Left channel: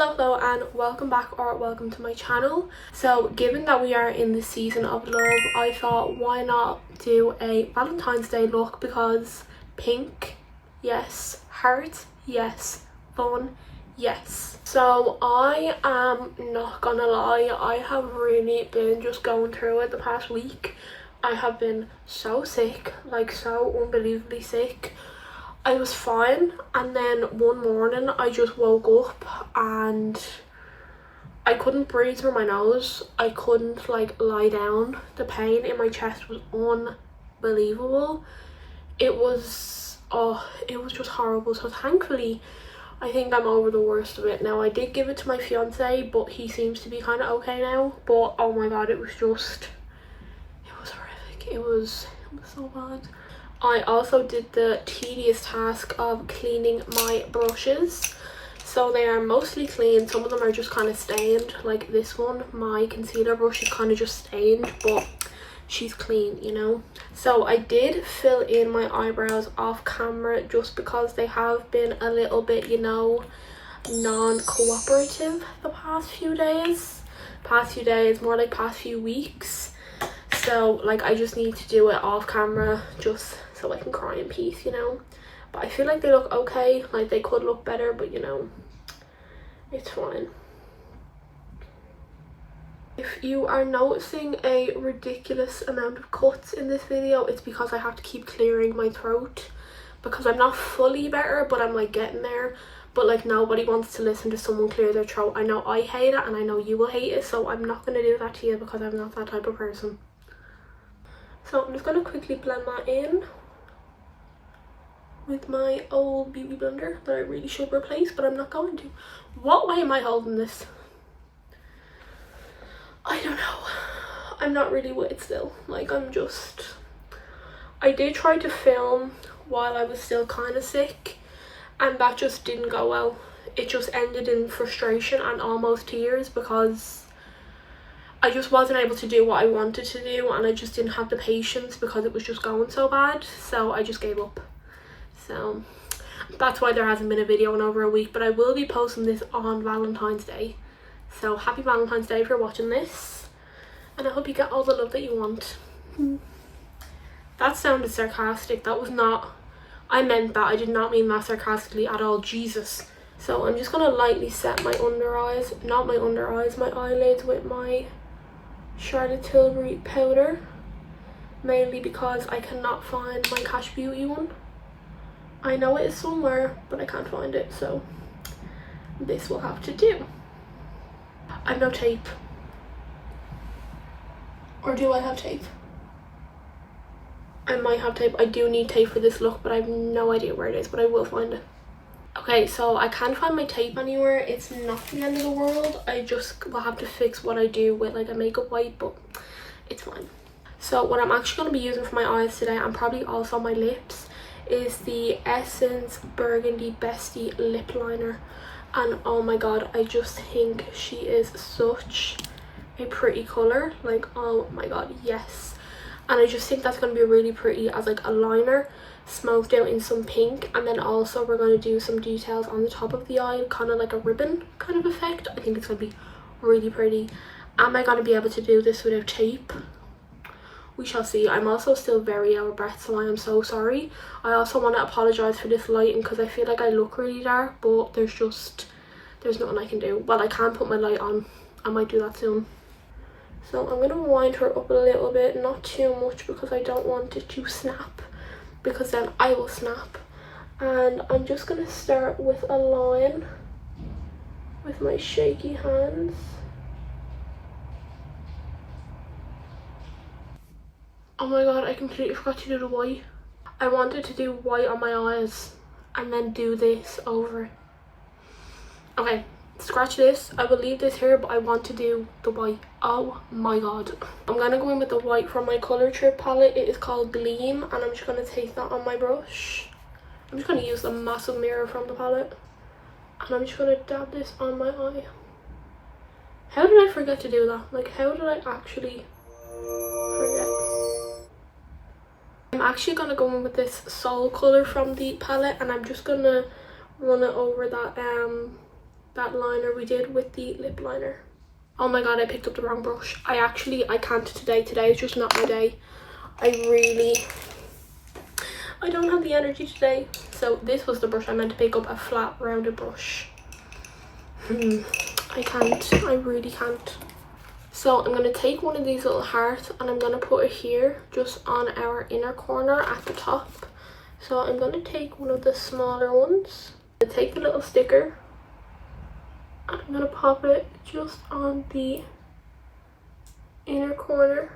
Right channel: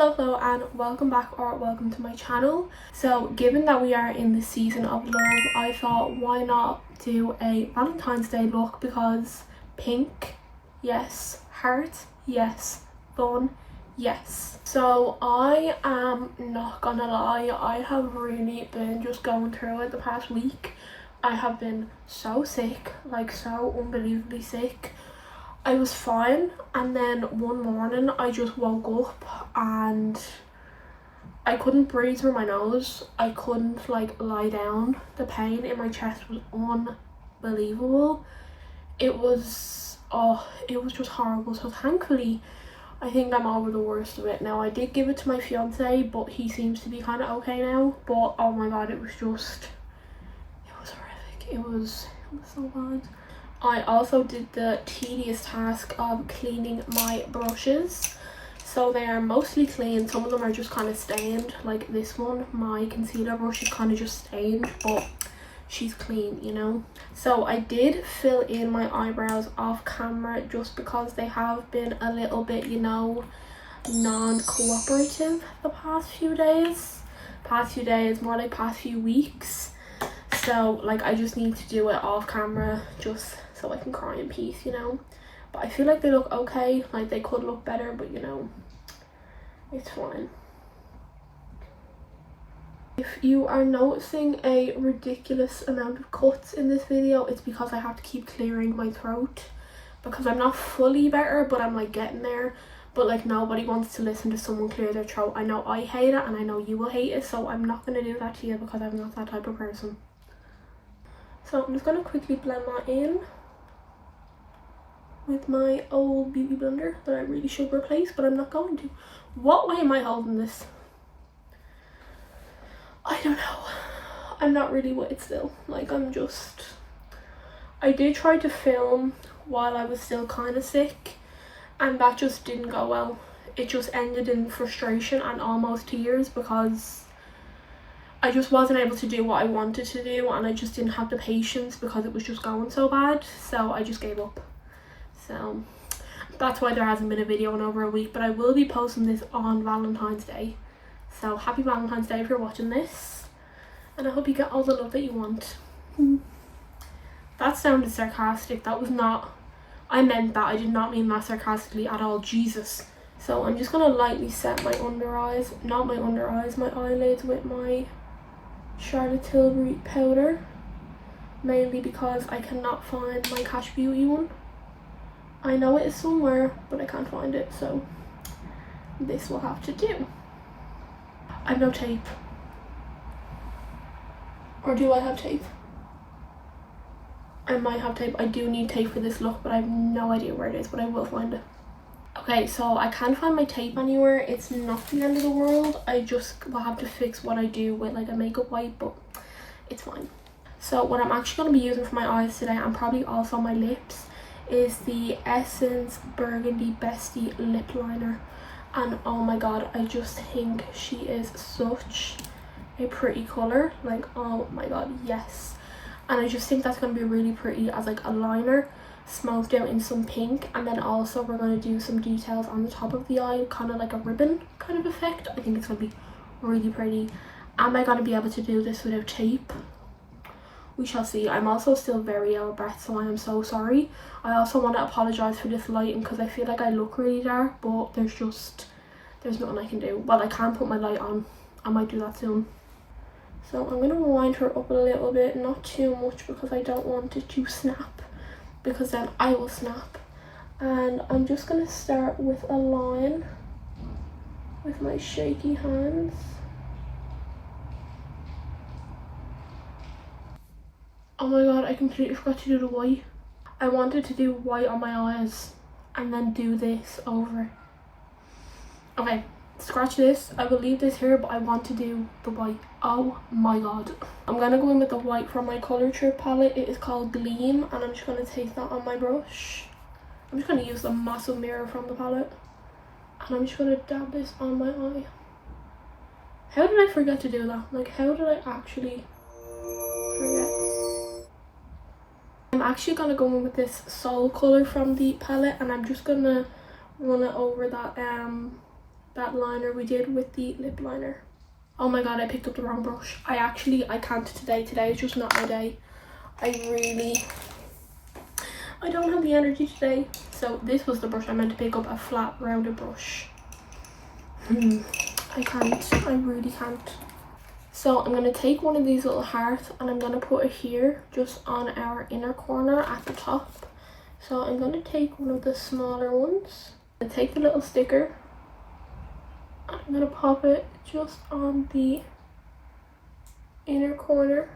Hello and welcome back or welcome to my channel. So given that we are in the season of love, I thought why not do a Valentine's Day look, because pink, yes, heart, yes, fun, yes. So I am not gonna lie, I have really been just going through it the past week. I have been so sick, like so unbelievably sick. I was fine, and then one morning I just woke up and I couldn't breathe through my nose. I couldn't like lie down. The pain in my chest was unbelievable. It was just horrible. So thankfully I think I'm over the worst of it now. I did give it to my fiance, but he seems to be kind of okay now. But oh my god, it was horrific. It was so bad. I also did the tedious task of cleaning my brushes. So they are mostly clean. Some of them are just kind of stained, like this one. My concealer brush is kind of just stained, but she's clean, you know. So I did fill in my eyebrows off camera just because they have been a little bit, you know, non-cooperative the past few days. More like past few weeks. So like I just need to do it off camera just so I can cry in peace, you know. But I feel like they look okay. Like they could look better, but you know, it's fine. If you are noticing a ridiculous amount of cuts in this video, it's because I have to keep clearing my throat, because I'm not fully better, but I'm like getting there. But like nobody wants to listen to someone clear their throat. I know I hate it and I know you will hate it, so I'm not going to do that to you because I'm not that type of person. So I'm just going to quickly blend that in with my old beauty blender that I really should replace, but I'm not going to. What way am I holding this? I don't know. I'm not really with it still. Like I did try to film while I was still kind of sick, and that just didn't go well. It just ended in frustration and almost tears because I just wasn't able to do what I wanted to do, and I just didn't have the patience because it was just going so bad. So I just gave up. So that's why there hasn't been a video in over a week, but I will be posting this on Valentine's Day. So happy Valentine's Day if you're watching this, and I hope you get all the love that you want. That sounded sarcastic. That was not, I meant that. I did not mean that sarcastically at all. Jesus. So I'm just gonna lightly set my under eyes, not my under eyes, my eyelids with my Charlotte Tilbury powder, mainly because I cannot find my Kash Beauty one. I know it is somewhere, but I can't find it, so this will have to do. I have no tape. Or do I have tape? I might have tape. I do need tape for this look, but I have no idea where it is, but I will find it. Okay, so I can't find my tape anywhere. It's not the end of the world. I just will have to fix what I do with like a makeup wipe, but it's fine. So what I'm actually going to be using for my eyes today, and probably also my lips, is the Essence Burgundy Bestie lip liner. And oh my god, I just think she is such a pretty color. Like oh my god, yes. And I just think that's going to be really pretty as like a liner, smoked out in some pink. And then also we're going to do some details on the top of the eye, kind of like a ribbon kind of effect. I think it's going to be really pretty. Am I going to be able to do this without tape? We shall see. I'm also still very out of breath, so I am so sorry. I also want to apologize for this lighting because I feel like I look really dark, but there's nothing I can do. Well, I can put my light on. I might do that soon. So I'm going to wind her up a little bit, not too much because I don't want it to snap, because then I will snap. And I'm just going to start with a line with my shaky hands. Oh my god, I completely forgot to do the white. I wanted to do white on my eyes and then do this over it. Okay, scratch this. I will leave this here, but I want to do the white. Oh my god. I'm going to go in with the white from my Colour Trip palette. It is called Gleam, and I'm just going to take that on my brush. I'm just going to use the massive mirror from the palette, and I'm just going to dab this on my eye. How did I forget to do that? Like, how did I actually forget? I'm actually going to go in with this Soul Colour from the palette, and I'm just going to run it over that that liner we did with the lip liner. Oh my god, I picked up the wrong brush. I can't today. Today is just not my day. I don't have the energy today. So this was the brush I meant to pick up, a flat rounded brush. I can't, I really can't. So I'm going to take one of these little hearts and I'm going to put it here just on our inner corner at the top. So I'm going to take one of the smaller ones and take the little sticker. I'm going to pop it just on the inner corner.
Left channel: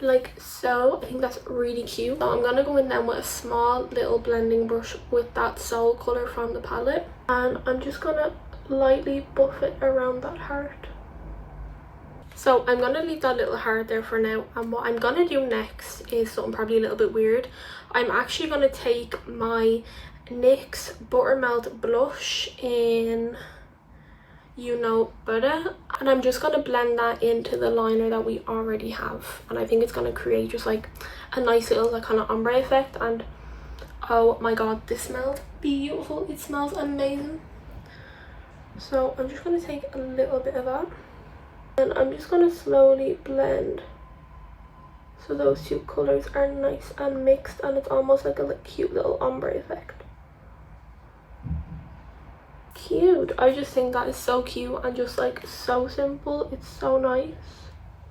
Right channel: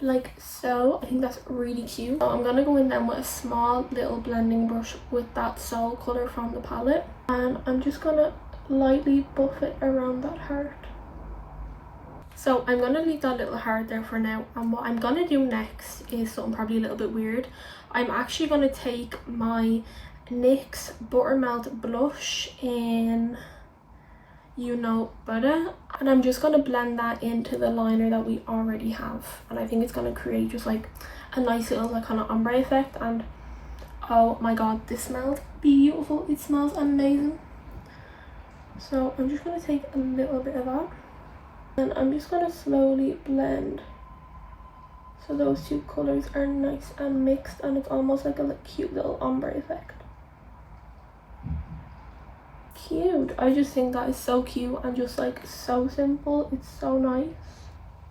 Like so. I think that's really cute. So I'm going to go in then with a small little blending brush with that Soul colour from the palette. And I'm just going to lightly buff it around that heart. So I'm going to leave that little heart there for now, and what I'm going to do next is something probably a little bit weird. I'm actually going to take my NYX Buttermelt blush in You Know Better, and I'm just going to blend that into the liner that we already have, and I think it's going to create just like a nice little like kind of ombre effect. And oh my god, this smells beautiful. It smells amazing. So I'm just going to take a little bit of that and I'm just going to slowly blend so those two colours are nice and mixed, and it's almost like a cute little ombre effect. Cute. I just think that is so cute and just like so simple. It's so nice.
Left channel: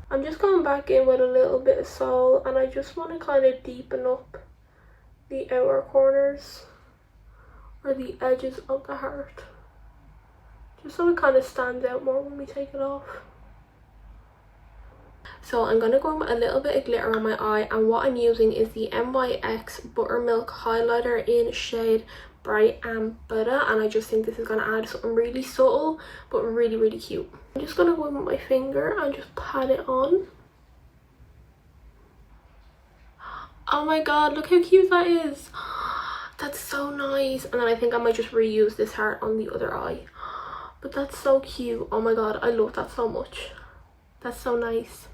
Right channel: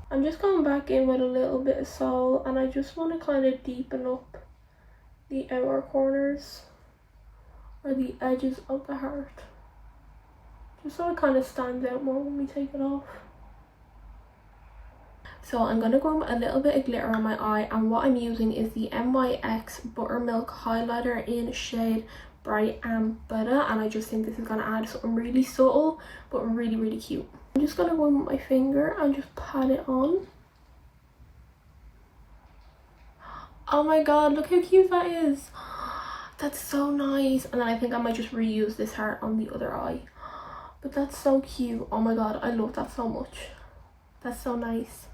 I'm just going back in with a little bit of Soul, and I just want to kind of deepen up the outer corners or the edges of the heart, just so it kind of stands out more when we take it off. So I'm going to go in with a little bit of glitter on my eye, and what I'm using is the NYX Buttermelt highlighter in shade Brighten Up, and I just think this is going to add something really subtle but really, really cute. I'm just going to go in with my finger and just pat it on. Oh my god, look how cute that is. That's so nice. And then I think I might just reuse this heart on the other eye. But that's so cute. Oh my god, I love that so much. That's so nice.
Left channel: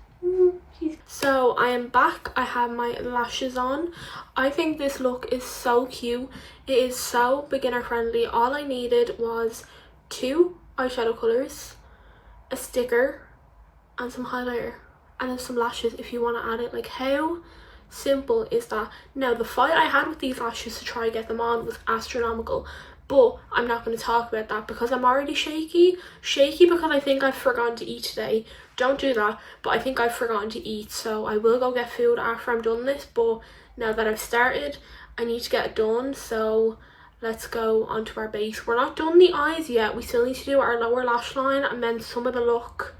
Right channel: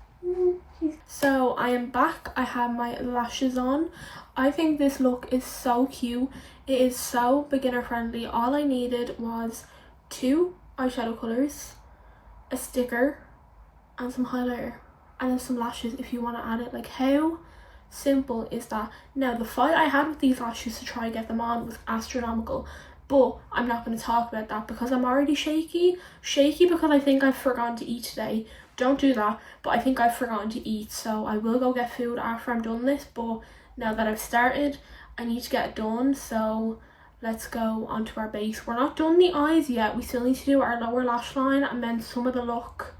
So I am back. I have my lashes on. I think this look is so cute. It is so beginner friendly. All I needed was 2 eyeshadow colours, a sticker, and some highlighter, and then some lashes if you want to add it. Like, how simple is that? Now, the fight I had with these lashes to try and get them on was astronomical, but I'm not going to talk about that because I'm already shaky because I think I've forgotten to eat today. Don't do that, but I think I've forgotten to eat, so I will go get food after I'm done this. But now that I've started, I need to get it done, so let's go on to our base. We're not done the eyes yet. We still need to do our lower lash line, and then some of the look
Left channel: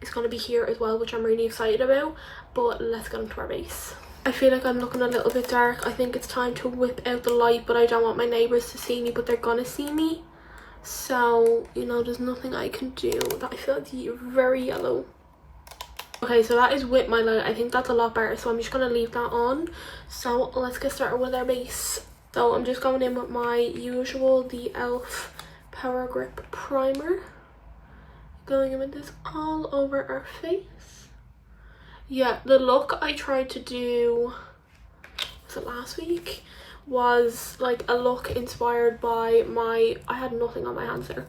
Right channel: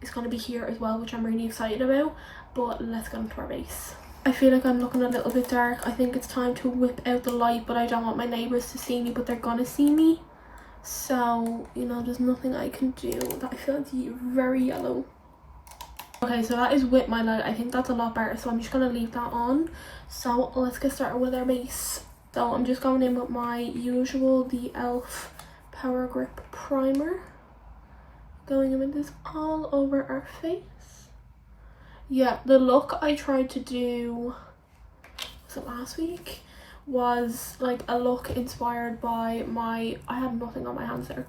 is going to be here as well, which I'm really excited about. But let's get into our base. I feel like I'm looking a little bit dark. I think it's time to whip out the light, but I don't want my neighbours to see me, but they're gonna see me. So, you know, there's nothing I can do. That I feel like very yellow. Okay, so that is with my light. I think that's a lot better, so I'm just gonna leave that on. So let's get started with our base. So I'm just going in with my usual, the e.l.f. Power Grip Primer. Going in with this all over our face. Yeah, the look I tried to do, was it last week? Was like a look inspired by I had nothing on my hands there.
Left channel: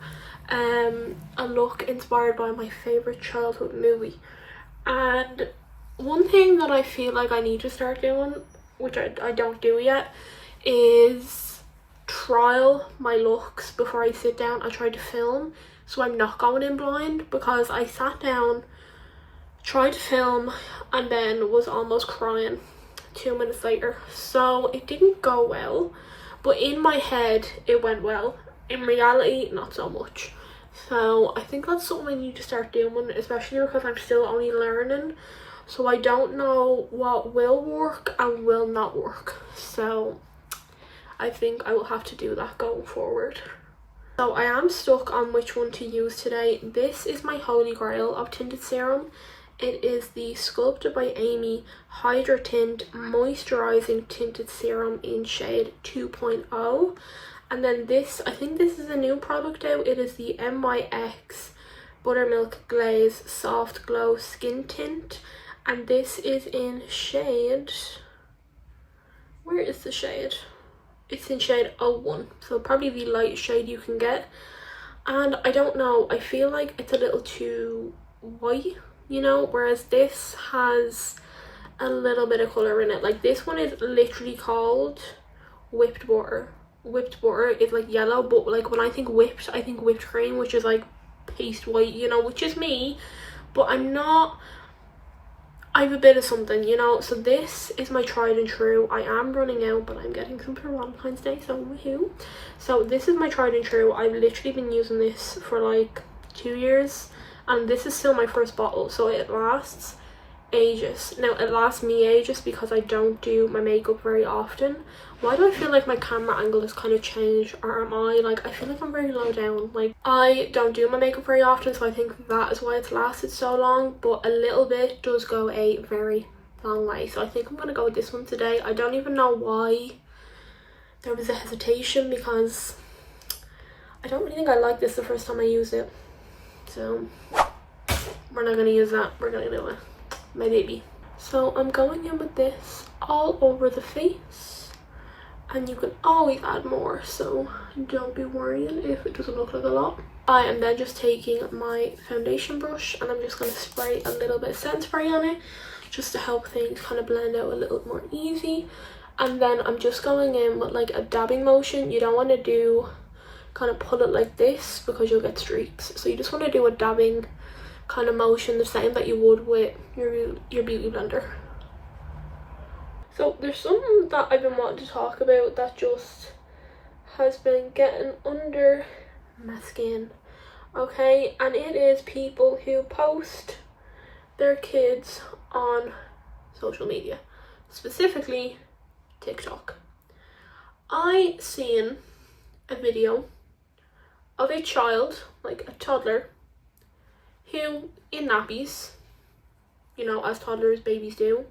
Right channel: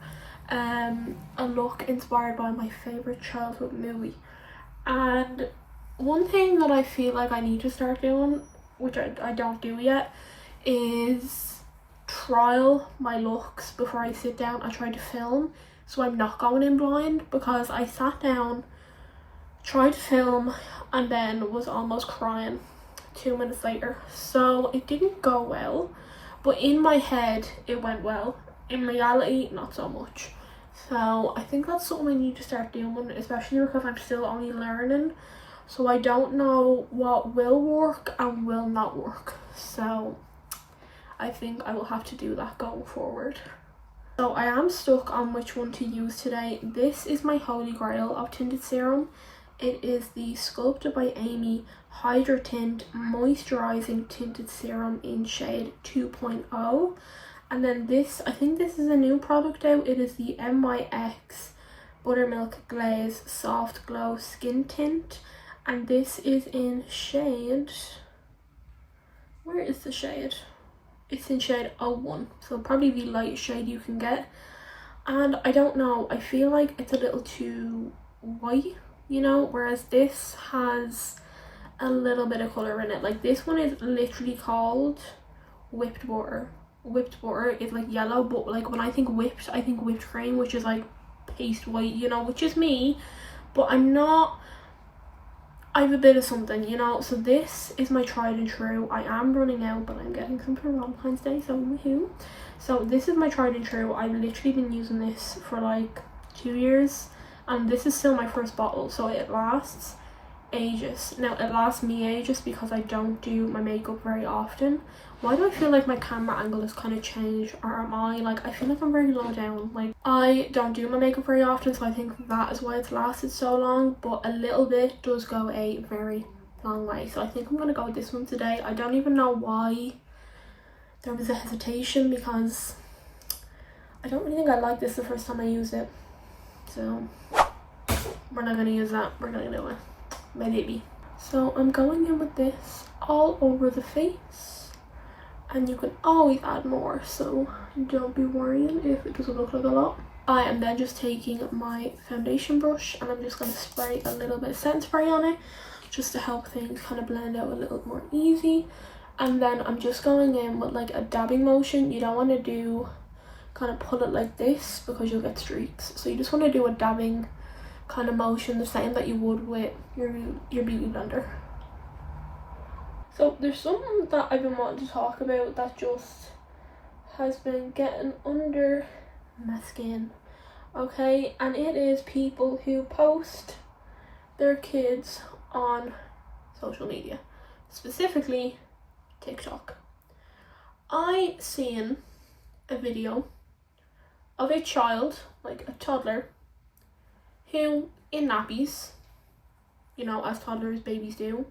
A look inspired by my favourite childhood movie. And one thing that I feel like I need to start doing, which I don't do yet, is trial my looks before I sit down and try to film, so I'm not going in blind, because I sat down, tried to film, and then was almost crying 2 minutes later. So it didn't go well, but in my head it went well. In reality, not so much. So I think that's something I need to start doing, especially because I'm still only learning. So I don't know what will work and will not work. So I think I will have to do that going forward. So I am stuck on which one to use today. This is my holy grail of tinted serum. It is the Sculpted by Aimee Hydra Tint Moisturizing Tinted Serum in shade 2.0. And then this, I think this is a new product out. It is the NYX Buttermelt Glaze Soft Glow Skin Tint. And this is in shade... Where is the shade? It's in shade 01, so probably the lightest shade you can get. And I don't know, I feel like it's a little too white, you know, whereas this has a little bit of colour in it. Like this one is literally called whipped butter. Whipped butter is like yellow, but like when I think whipped, I think whipped cream, which is like paste white, you know, which is me, but I'm not. I have a bit of something, you know. So this is my tried and true. I am running out, but I'm getting some for Valentine's Day, so woohoo. So this is my tried and true. I've literally been using this for like 2 years, and this is still my first bottle, so it lasts ages. Now it lasts me ages because I don't do my makeup very often. Why do I feel like my camera angle has kind of changed, or am I like, I feel like I'm very low down. Like I don't do my makeup very often, so I think that is why it's lasted so long, but a little bit does go a very long way. So I think I'm gonna go with this one today. I don't even know why there was a hesitation, because I don't really think I liked this the first time I used it, so we're not gonna use that. We're gonna do it, my baby. So I'm going in with this all over the face, and you can always add more, so don't be worrying if it doesn't look like a lot. I am then just taking my foundation brush and I'm just going to spray a little bit of setting spray on it, just to help things kind of blend out a little more easy. And then I'm just going in with like a dabbing motion. You don't want to do kind of pull it like this because you'll get streaks, so you just want to do a dabbing kind of motion, the same that you would with your beauty blender. So there's something that I've been wanting to talk about that just has been getting under my skin, okay? And it is people who post their kids on social media, specifically TikTok. I seen a video of a child, like a toddler, who in nappies, you know, as toddlers, babies do,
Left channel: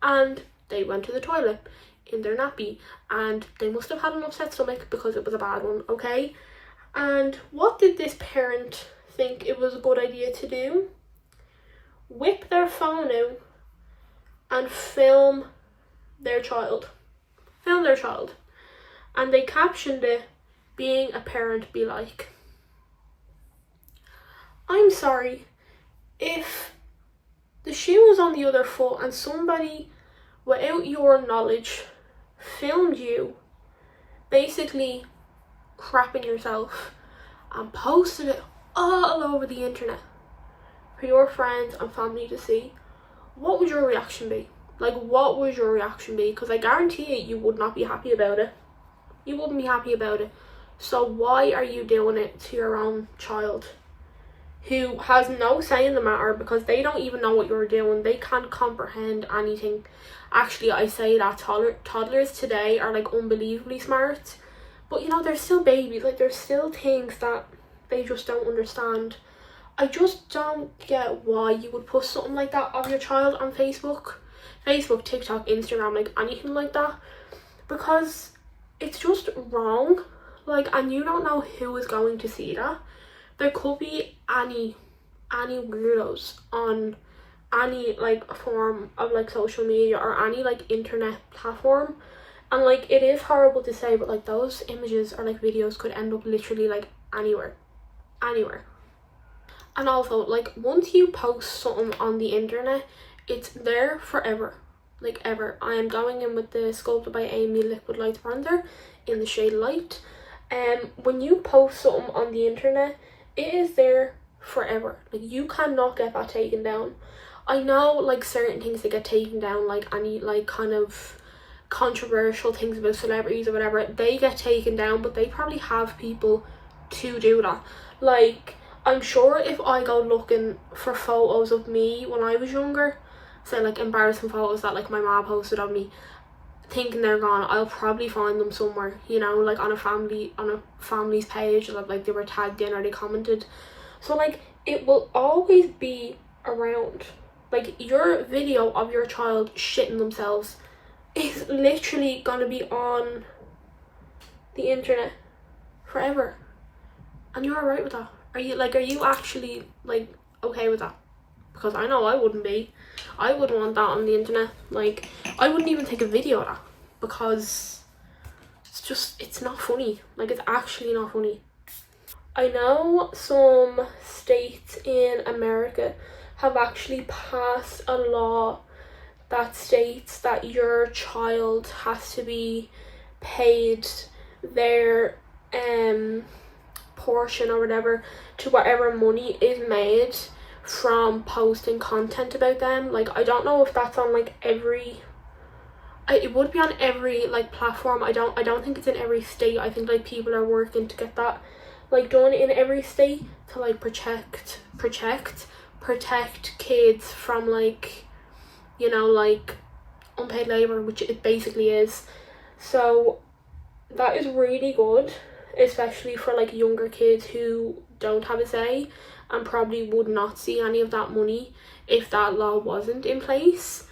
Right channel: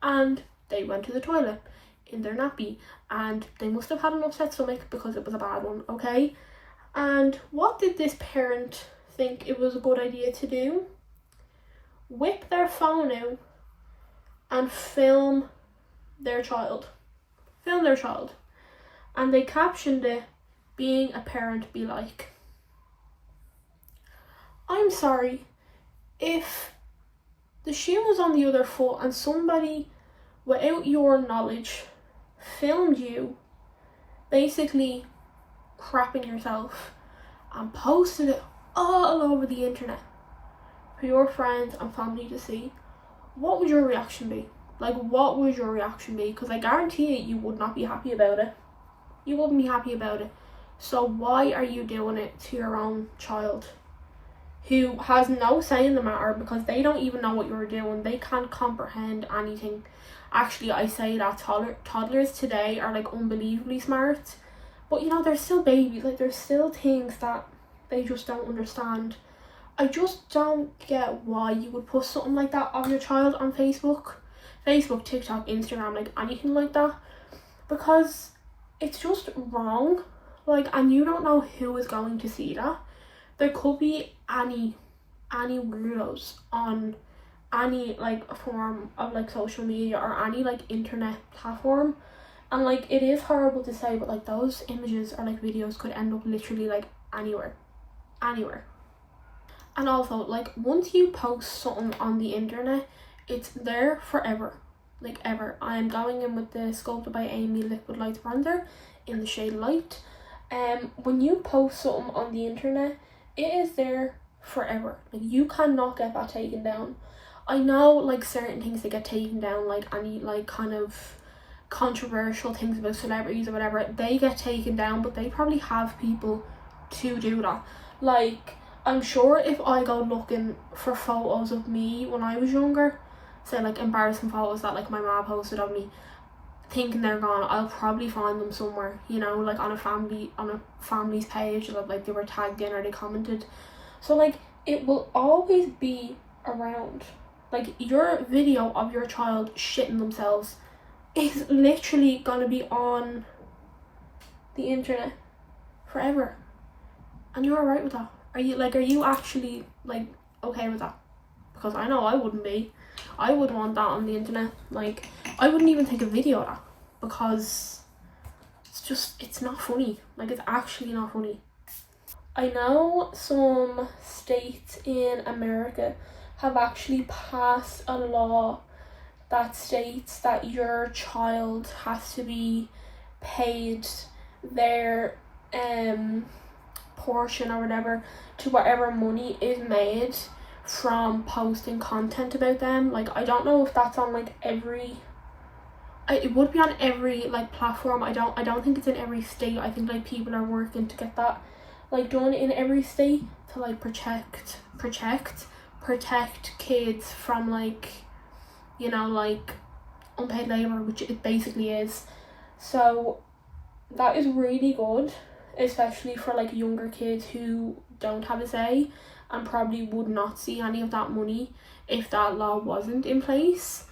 and they went to the toilet in their nappy, and they must have had an upset stomach because it was a bad one, okay? And what did this parent think it was a good idea to do? Whip their phone out and film their child. And they captioned it, "Being a parent be like." I'm sorry, if the shoe was on the other foot and somebody without your knowledge filmed you basically crapping yourself and posted it all over the internet for your friends and family to see, what would your reaction be? Like, what would your reaction be? Because I guarantee you would not be happy about it. You wouldn't be happy about it. So why are you doing it to your own child, who has no say in the matter, because they don't even know what you're doing? They can't comprehend anything. Actually, I say that toddlers today are like unbelievably smart, but you know, they're still babies. Like, there's still things that they just don't understand. I just don't get why you would put something like that of your child on Facebook, TikTok, Instagram, like anything like that, because it's just wrong. Like, and you don't know who is going to see that. There could be any weirdos on any like form of like social media or any like internet platform, and like, it is horrible to say, but like, those images or like videos could end up literally like anywhere. And also, like, once you post something on the internet, it's there forever, like ever. I am going in with the Sculpted by Aimee Liquid Light Bronzer in the shade Light. When you post something on the internet, it is there forever. Like, you cannot get that taken down. I know like certain things that get taken down, like any like kind of controversial things about celebrities or whatever, they get taken down, but they probably have people to do that. Like, I'm sure if I go looking for photos of me when I was younger, say like embarrassing photos that like my mom posted of me, thinking they're gone, I'll probably find them somewhere, you know, like on a family's page that like they were tagged in or they commented. So like, it will always be around. Like, your video of your child shitting themselves is literally gonna be on the internet forever, and you're alright with that? Are you actually like okay with that? Because I know I wouldn't be. I wouldn't want that on the internet. Like, I wouldn't even take a video of that, because it's it's not funny. Like, it's actually not funny. I know some states in America have actually passed a law that states that your child has to be paid their portion or whatever to whatever money is made from posting content about them. Like, I don't know if that's on like every, it would be on every like platform. I don't think it's in every state. I think like people are working to get that like done in every state to like protect kids from like, you know, like unpaid labor, which it basically is. So that is really good, especially for like younger kids who don't have a say and probably would not see any of that money if that law wasn't in place.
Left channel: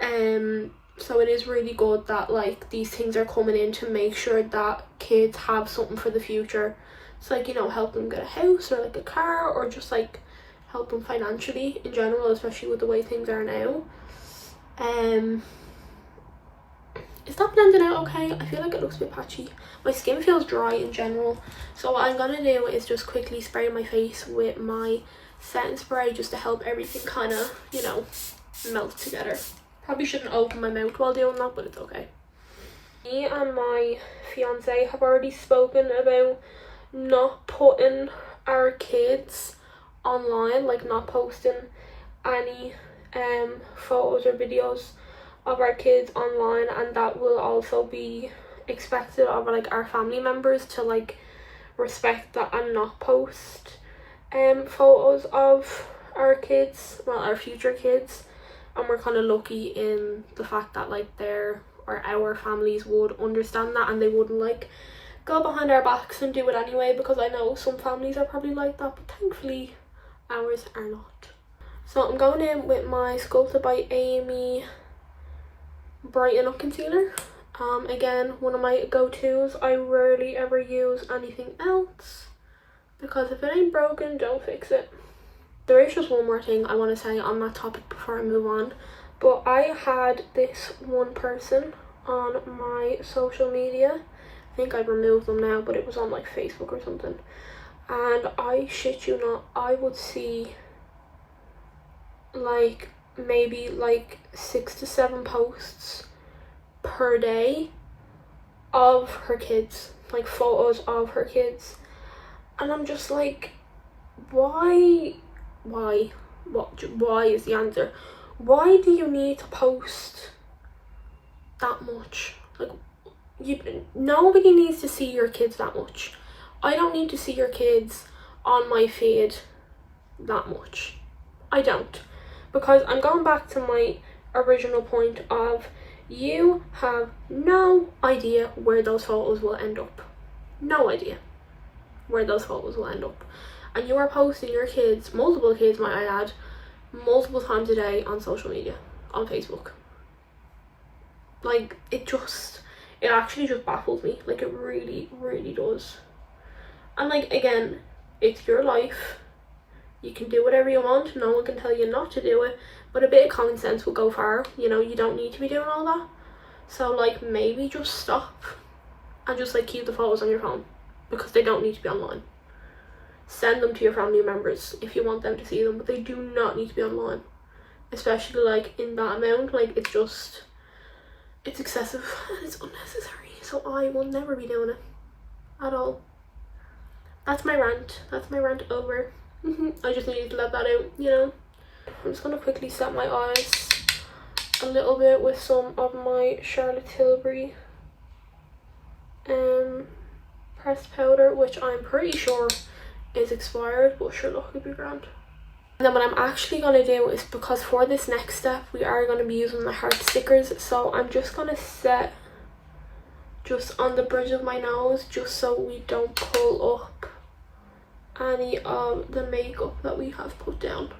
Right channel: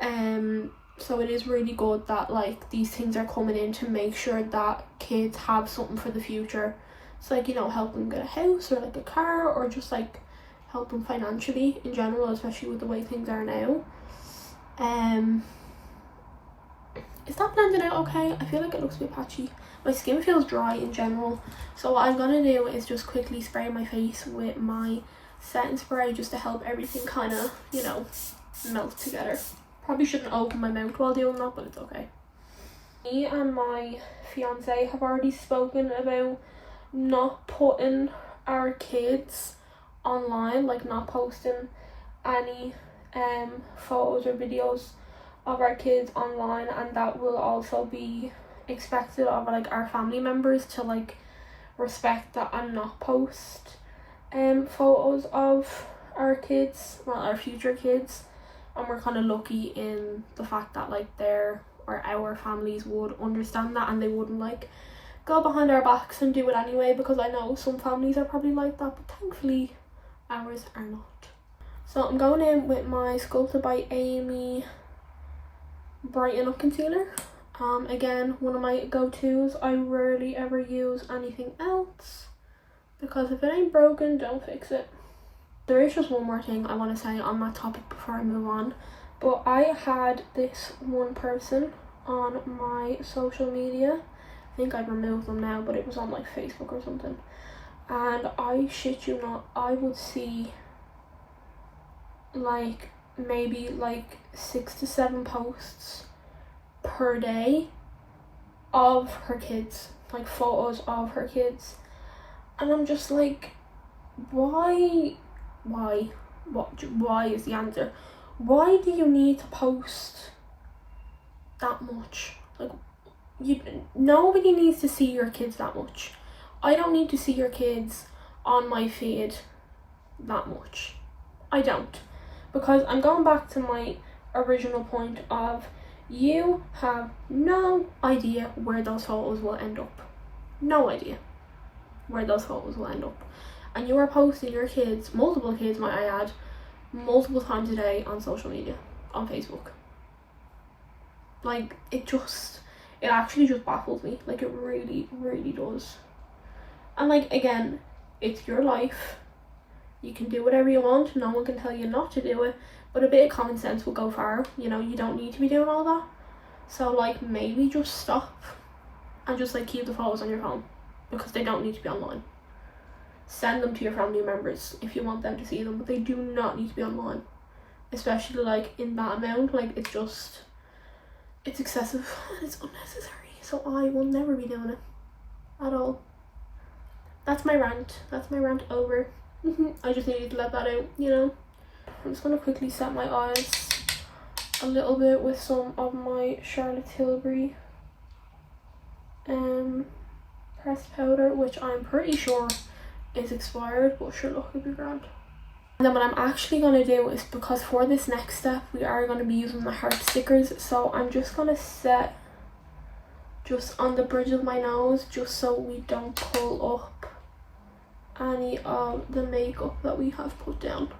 So it is really good that like these things are coming in to make sure that kids have something for the future. It's like, you know, help them get a house or like a car, or just like help them financially in general, especially with the way things are now. Is that blended out okay? I feel like it looks a bit patchy. My skin feels dry in general, so what I'm gonna do is just quickly spray my face with my setting spray just to help everything kind of, you know, melt together. Probably shouldn't open my mouth while doing that, but it's okay. Me and my fiance have already spoken about not putting our kids online, like not posting any photos or videos of our kids online, and that will also be expected of like our family members to like respect that and not post photos of our kids, well, our future kids. And we're kind of lucky in the fact that like their or our families would understand that, and they wouldn't like go behind our backs and do it anyway, because I know some families are probably like that, but thankfully ours are not. So I'm going in with my Sculpted by Aimee Brighten Up concealer. Again, one of my go-tos. I rarely ever use anything else because if it ain't broken, don't fix it. There is just one more thing I want to say on that topic before I move on, but I had this one person on my social media. I think I've removed them now, but it was on like Facebook or something, and I shit you not, I would see like maybe like 6 to 7 posts per day of her kids, like photos of her kids, and I'm just like, why is the answer. Why do you need to post that much? Like, nobody needs to see your kids that much. I don't need to see your kids on my feed that much. I don't, because I'm going back to my original point of, you have no idea where those photos will end up. No idea where those photos will end up. And you are posting your kids, multiple kids might I add, multiple times a day on social media, on Facebook. Like, it actually just baffles me. Like, it really, really does. And like, again, it's your life. You can do whatever you want. No one can tell you not to do it. But a bit of common sense will go far. You know, you don't need to be doing all that. So like, maybe just stop and just like keep the photos on your phone, because they don't need to be online. Send them to your family members if you want them to see them, but they do not need to be online, especially like in that amount. Like, it's excessive and it's unnecessary, so I will never be doing it at all. That's my rant over. I just needed to let that out, you know. I'm just gonna quickly set my eyes a little bit with some of my Charlotte Tilbury pressed powder, which I'm pretty sure is expired, but sure, look, it'd be grand. And then what I'm actually gonna do is, because for this next step we are gonna be using the heart stickers, so I'm just gonna set just on the bridge of my nose, just so we don't pull up any of the makeup that we have put down.